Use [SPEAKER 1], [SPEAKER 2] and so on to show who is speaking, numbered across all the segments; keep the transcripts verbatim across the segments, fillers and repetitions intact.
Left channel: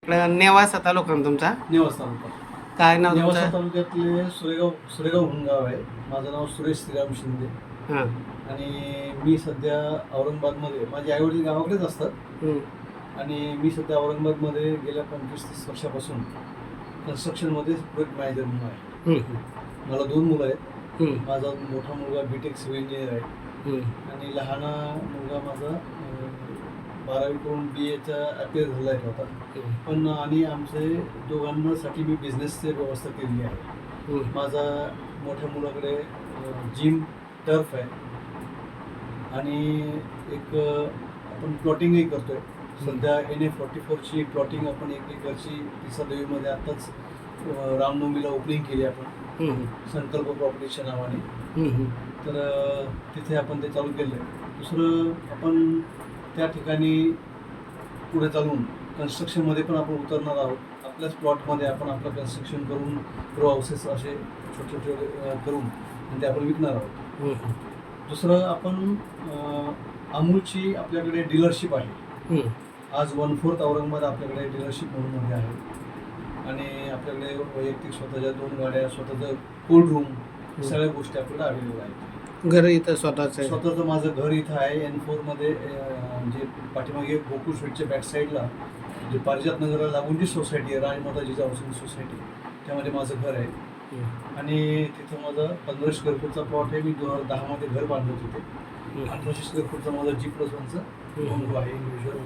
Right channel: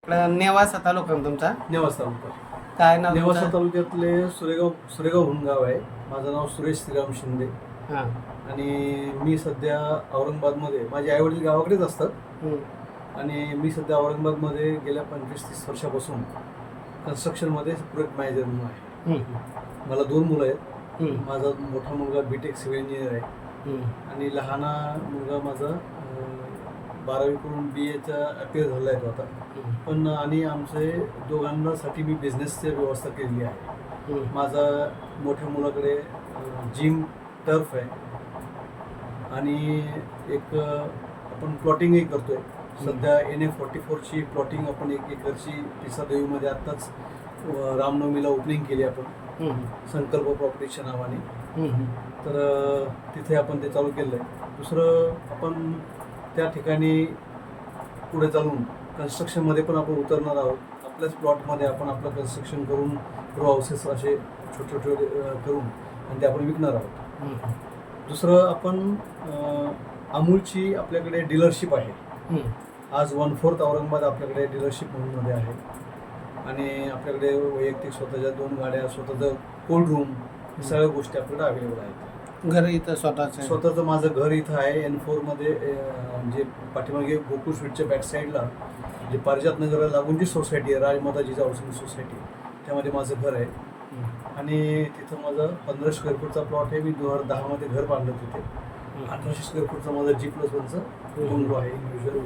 [SPEAKER 1] इकडं नेवासा तालुका ना तुमचा?
[SPEAKER 2] नेवासा तालुका.
[SPEAKER 1] काय नाव
[SPEAKER 2] नेवासा
[SPEAKER 1] तुमचं?
[SPEAKER 2] तालुक्यातले सुरेगाव सुरेगाव म्हणून गाव आहे. माझं नाव सुरेश श्रीराम शिंदे
[SPEAKER 1] हां.
[SPEAKER 2] आणि मी सध्या औरंगाबादमध्ये, माझे आईवडील गावाकडेच असतात
[SPEAKER 1] हं.
[SPEAKER 2] आणि मी सध्या औरंगाबादमध्ये गेल्या पंचवीस तीस वर्षापासून कन्स्ट्रक्शनमध्ये प्रोजेक्ट मॅनेजर म्हणून आहे.
[SPEAKER 1] हं, हं.
[SPEAKER 2] मला दोन मुलं आहेत.
[SPEAKER 1] हं,
[SPEAKER 2] माझा मोठा मुलगा बी टेक सिव्हिल इंजिनियर आहे
[SPEAKER 1] हं.
[SPEAKER 2] आणि लहाना मुलगा माझा अं, बारावी करून बी एचा अपियर झाला आहे तो आता.
[SPEAKER 1] हं,
[SPEAKER 2] पण आणि आमचे दोघांनासाठी मी बिझनेसची व्यवस्था केलेली आहे.
[SPEAKER 1] हं.
[SPEAKER 2] माझा मोठ्या मुलाकडे जिम टर्फ आहे आणि एक अ, आपण प्लॉटिंगही करतोय सध्या. एन ए फॉर्टी फोरची प्लॉटिंग आपण एक एकरची पिसादेवीमध्ये आत्ताच अ, रामनवमीला ओपनिंग केली आपण,
[SPEAKER 1] हं, हं.
[SPEAKER 2] संकल्प प्रॉपर्टीच्या नावाने.
[SPEAKER 1] हं, हं.
[SPEAKER 2] तर अ, तिथे आपण ते चालू केलं आहे. दुसरं आपण त्या ठिकाणी पुढे चालून कन्स्ट्रक्शनमध्ये पण आपण उतरणार आहोत. आपल्याच प्लॉटमध्ये आपण आपलं कन्स्ट्रक्शन करून रो हाऊसेस असे छोटे छोटे अ, करून आणि ते आपण विकणार आहोत.
[SPEAKER 1] हं, हं.
[SPEAKER 2] दुसरं आपण अ, अमूलची आपल्याकडे डीलरशिप आहे.
[SPEAKER 1] हं.
[SPEAKER 2] आज वन फोर्थ औरंगाबाद आपल्याकडे डीलरशिप म्हणूनमध्ये आहे आणि आपल्याकडे वैयक्तिक स्वतःच्या दोन गाड्या, स्वतःचं कोल्ड रूम, सगळ्या गोष्टी आपल्याकडे अवेलेबल आहेत.
[SPEAKER 1] घर इथं स्वतःच आहे?
[SPEAKER 2] स्वतःचं माझं घर इथं आहे एन फोरमध्ये, जे पाठीमागे गोकुळ स्वीटच्या बॅक साईडला जे पारिजात नगरला लागून जी सोसायटी आहे, राजमाताजी हाऊसिंग सोसायटी, त्यामध्ये माझं घर आहे.
[SPEAKER 1] हं.
[SPEAKER 2] आणि तिथं माझा पंधरा स्क्वेअर फूटचा प्लॉट आहे. मी दोन हजार दहामध्ये घर बांधलं तिथे.
[SPEAKER 1] हं.
[SPEAKER 2] अठराशे स्क्वेअर फूटचा माझा जी प्लस वनचं बंगलो आहे इंडिव्हिज्युअल.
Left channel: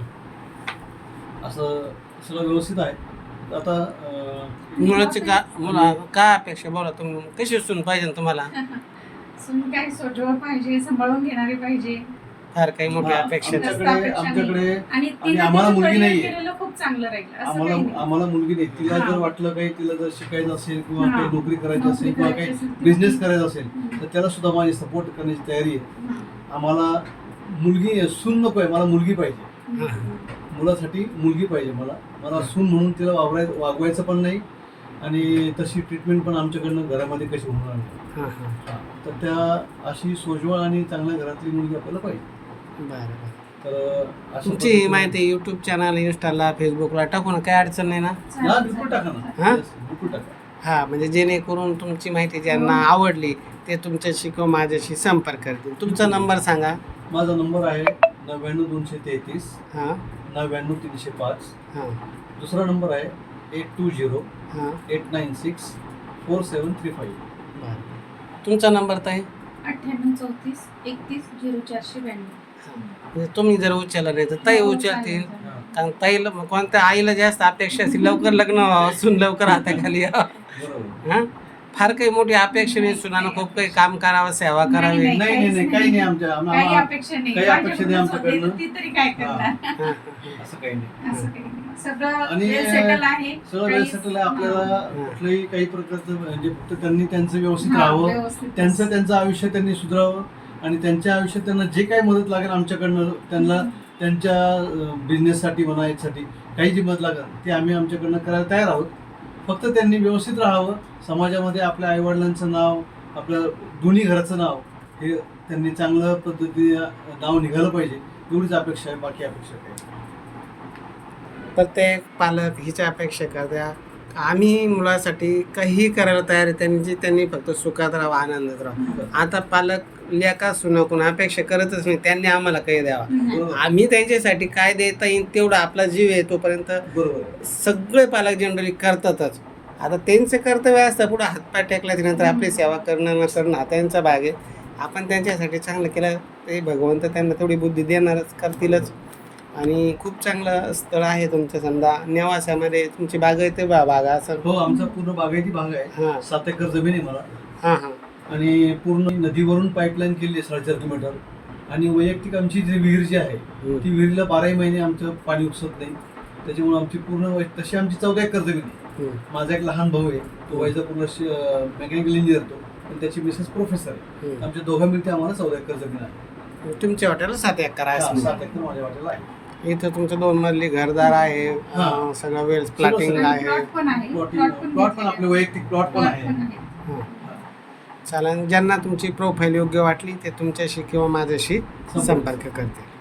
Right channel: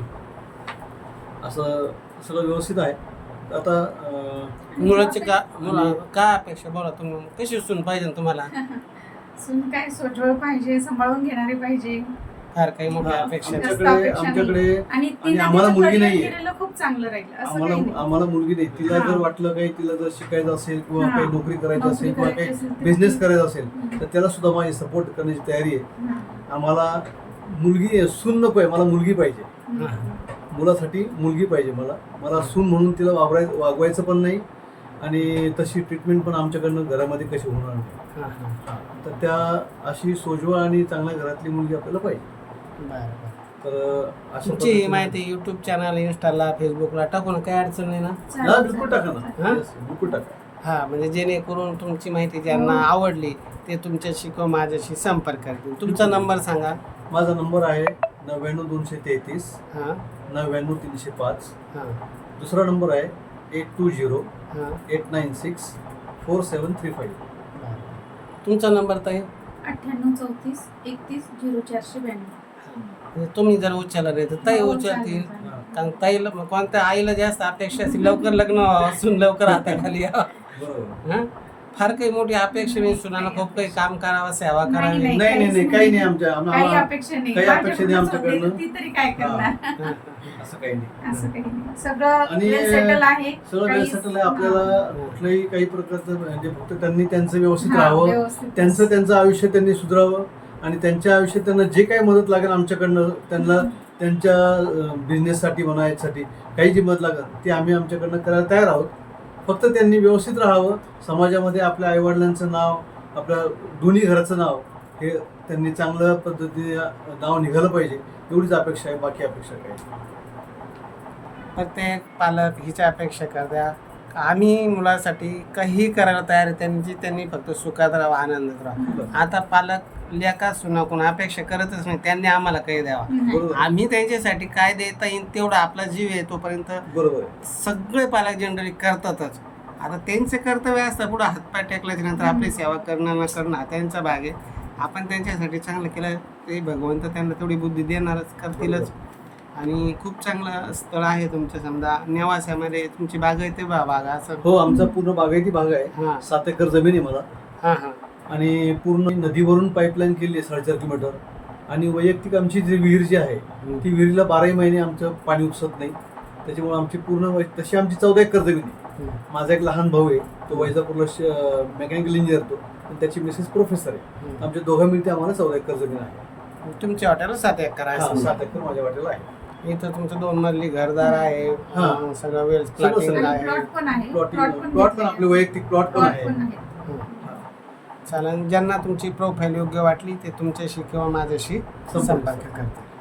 [SPEAKER 2] असं सगळं व्यवस्थित आहे. तर आता अं,
[SPEAKER 1] मुलाची का मुला काय अपेक्षा बोला तुम्ही? कशी सून पाहिजे तुम्हाला?
[SPEAKER 3] सून काय सोजवळ पाहिजे, सांभाळून घेणारी पाहिजे.
[SPEAKER 1] फार काही मोठी
[SPEAKER 2] हा,
[SPEAKER 1] अपेक्षा नाही.
[SPEAKER 2] आमच्याकडे
[SPEAKER 3] अपेक्षा नाही.
[SPEAKER 2] आमच्याकडे
[SPEAKER 3] आणि
[SPEAKER 2] आणि आम्हाला मुलगी नाहीये.
[SPEAKER 3] केलेलं खूप चांगलं राहील असं
[SPEAKER 2] आम्हाला
[SPEAKER 3] काही नाही.
[SPEAKER 2] आम्हाला मुलगी नाही. तिला
[SPEAKER 3] हा.
[SPEAKER 2] जर वाटलं काही, तिला जर शिकायचं असेल किंवा
[SPEAKER 3] हा.
[SPEAKER 2] काही नोकरी करायची
[SPEAKER 3] नोकरी
[SPEAKER 2] असेल किंवा
[SPEAKER 3] करायची
[SPEAKER 2] काही
[SPEAKER 3] असेल तर-
[SPEAKER 2] बिझनेस करायचा असेल
[SPEAKER 3] हम्म.
[SPEAKER 2] तर त्याला सुद्धा माझी सपोर्ट करण्याची तयारी आहे.
[SPEAKER 3] हा.
[SPEAKER 2] आम्हाला मुलगी सून नको आहे, मला मुलगी पाहिजे.
[SPEAKER 1] हा.
[SPEAKER 2] मुलासाठी मुलगी पाहिजे मला. मला सून म्हणून तिला वागवाय वागवायचं पण नाही आणि तशी ट्रीटमेंट पण आमच्याकडनं घरामध्ये कशी होणार नाही.
[SPEAKER 1] हां, हां.
[SPEAKER 2] हा. तर त्या अशी सोजवळ आणि चांगल्या घरातली मुलगी आपल्याला पाहिजे.
[SPEAKER 1] बरं, बरं.
[SPEAKER 2] तर अशा
[SPEAKER 1] तुमची
[SPEAKER 2] पद्धतीने-
[SPEAKER 1] माहिती यूट्यूब चॅनल, इंस्टाला, फेसबुकला टाकू ना, काही अडचण नाही ना?
[SPEAKER 2] हा,
[SPEAKER 3] चालेल,
[SPEAKER 2] बिलकुल
[SPEAKER 3] चालेल.
[SPEAKER 2] टाका ना.
[SPEAKER 1] हा?
[SPEAKER 2] Yes, बिलकुल टाका.
[SPEAKER 1] हां, म्हणजे जेणेकरून तुमची माहिती ज्यांना आवडली ते तुमच्याशी किंवा माझ्याशी संपर्क करतील. तुमचा नंबर सांगा.
[SPEAKER 2] माझा नंबर आहे नव्याण्णव दोनशे तेहतीस
[SPEAKER 1] हां,
[SPEAKER 2] नव्याण्णव तीनशे पाच.
[SPEAKER 1] हां,
[SPEAKER 2] दुसरा नंबर आहे एट टू झिरो
[SPEAKER 1] हां.
[SPEAKER 2] Eight nine six four seven three five.
[SPEAKER 1] बरं. तुमचा नंबर ताई?
[SPEAKER 3] अठ्ठ्याण्णव चौतीस एकतीस झिरो चारशे ब्याण्णव.
[SPEAKER 1] हां. म्हणजे तुम्ही जर उचलला नाही तर ताई
[SPEAKER 3] हो,
[SPEAKER 1] उचलतील.
[SPEAKER 3] चालेल, चालेल.
[SPEAKER 1] कारण ताईला कोणत्या आईला जास्त अपेक्षा असतील लवकर लग्न व्हावं, सून लवकर हाताखाली यावं.
[SPEAKER 2] बरोबर.
[SPEAKER 1] हां, फार काही मोठी अपेक्षा नाही. सुनानं खूप काही काम करावं, सेवा
[SPEAKER 3] नाही,
[SPEAKER 1] करावी.
[SPEAKER 3] नाही,
[SPEAKER 2] नाही नाही नाही काही नाही आमच्या आम्हा-
[SPEAKER 3] काही
[SPEAKER 2] आम्हा-
[SPEAKER 3] अपेक्षा नाही.
[SPEAKER 2] काही अपेक्षा नाही
[SPEAKER 3] माझ्याकडून
[SPEAKER 2] आमच्याकडनं.
[SPEAKER 3] ती तरी काय करणार?
[SPEAKER 1] हां, हां.
[SPEAKER 2] असं काही नाही.
[SPEAKER 3] असं काही नाही. सगळं
[SPEAKER 2] आणि
[SPEAKER 3] वेल सेटल आहे.
[SPEAKER 2] सगळं वेल
[SPEAKER 3] काही-
[SPEAKER 2] सेटल आहे. आपल्याला
[SPEAKER 1] हा.
[SPEAKER 2] कुठलंही काही प्रकारचं म्हणजे फक्त त्यांनी त्यांचं व्यवस्थित
[SPEAKER 3] हा,
[SPEAKER 2] राहावं,
[SPEAKER 3] व्यवस्थित.
[SPEAKER 2] त्यांचं त्यांचं आयुष्य त्यांनी सुधारावं आणि त्यांच्या आयुष्यात त्यांना जे काही मदत लागेल आमच्याकडनं, त्यांना त्यांच्या बिझनेससाठी म्हणा, यासाठी काही जी मदत लागेल ती आम्ही आमच्याकडनं करायला तयार आहोत. फक्त त्यांनी व्यवस्थित राहावं, समाजामध्ये आपल्या आईवडिलांचं नाव, आपल्या दोन्ही घराचं नाव हे त्यांनी चांगल्या पद्धतीने नाव निघालं पाहिजे, एवढीच अपेक्षा आहे. बाकी अपेक्षा काही नाही.
[SPEAKER 1] प्रत्येक पालक हिच्या अपेक्षा करत्या आम्ही मुलासाठी काही करायला तयार आहे, त्यांची त्यांनी फक्त सुखात राहावं, आनंदात राहावं. आता पालक लेका सुनाकून अपेक्षा करतच नाही, त्यांनी आम्हाला काही द्यावा.
[SPEAKER 3] नाही.
[SPEAKER 2] बरोबर
[SPEAKER 1] आम्ही त्यांच्यासाठी काय देता येईल तेवढं आपला जीव आहे तोपर्यंत
[SPEAKER 2] बरोबर आहे.
[SPEAKER 1] सगळे पालक जनरली करतातच. आता त्यांचे कर्तव्य असतं, पुढं हातपाय टेकल्याच्या नंतर आपली सेवा करणं न करणं हा त्यांचा भाग आहे. आपण त्यांच्यासाठी चांगलं केलं ते भगवंत त्यांना तेवढी बुद्धी देणारच, करतीलच. आणि खूप चांगलं स्थळ आहे तुमचं. समजा नेवासामध्ये तुमची बाग आहे ते बा बागा असं?
[SPEAKER 2] हो, आमचा पूर्ण बागायती भाग आहे.
[SPEAKER 1] हां,
[SPEAKER 2] सात एकर जमीन आहे मला
[SPEAKER 1] हां, हां.
[SPEAKER 2] आणि पूर्ण नदीवरून पाईपलाईन केली आहे साडेचार किलोमीटर. आणि वैयक्तिक आमची जी विहीर जी आहे
[SPEAKER 1] हं.
[SPEAKER 2] ती विहिरीला बाराही महिने आमचं पाणी उपसत नाही. त्याच्यामुळे आमची पूर्ण वै- तशी आमची चौदा एकर जमीन आहे.
[SPEAKER 1] हं.
[SPEAKER 2] माझा एक लहान भाऊ आहे, तो वैजापूरला मेकॅनिकल इंजिनियर तो, आणि त्याची मिसेस प्रोफेसर आहे.
[SPEAKER 1] हं.
[SPEAKER 2] आमच्या दोघं मिळते आम्हाला चौदा एकर जमीन आहे.
[SPEAKER 1] तुमच्या हॉटेलला सात एकर आहे
[SPEAKER 2] हा,
[SPEAKER 1] समजा.
[SPEAKER 2] सात एकर माझ्या वाटेला आहे.
[SPEAKER 1] इथं तुमचं दोन मजली घरदार आहे,
[SPEAKER 2] हां.
[SPEAKER 1] अं, सगळं वेल प्लॉटिंग
[SPEAKER 2] सगळं.
[SPEAKER 1] आहे.
[SPEAKER 3] प्लॉट पण आहे.
[SPEAKER 2] प्लॉट
[SPEAKER 3] प्लॉट पण
[SPEAKER 2] प्लॉट पण
[SPEAKER 3] घेतलेले
[SPEAKER 2] आपले वैयक्तिक प्लॉट पण
[SPEAKER 3] प्लॉट
[SPEAKER 2] आहे.
[SPEAKER 3] पण आहे.
[SPEAKER 1] हां.
[SPEAKER 2] हा.
[SPEAKER 1] चालेल, ज्यांना तुमची प्रोफाईल योग्य वाटली ते तुमच्याशी किंवा माझ्याशी
[SPEAKER 2] संपर्क.
[SPEAKER 1] संपर्क करतील.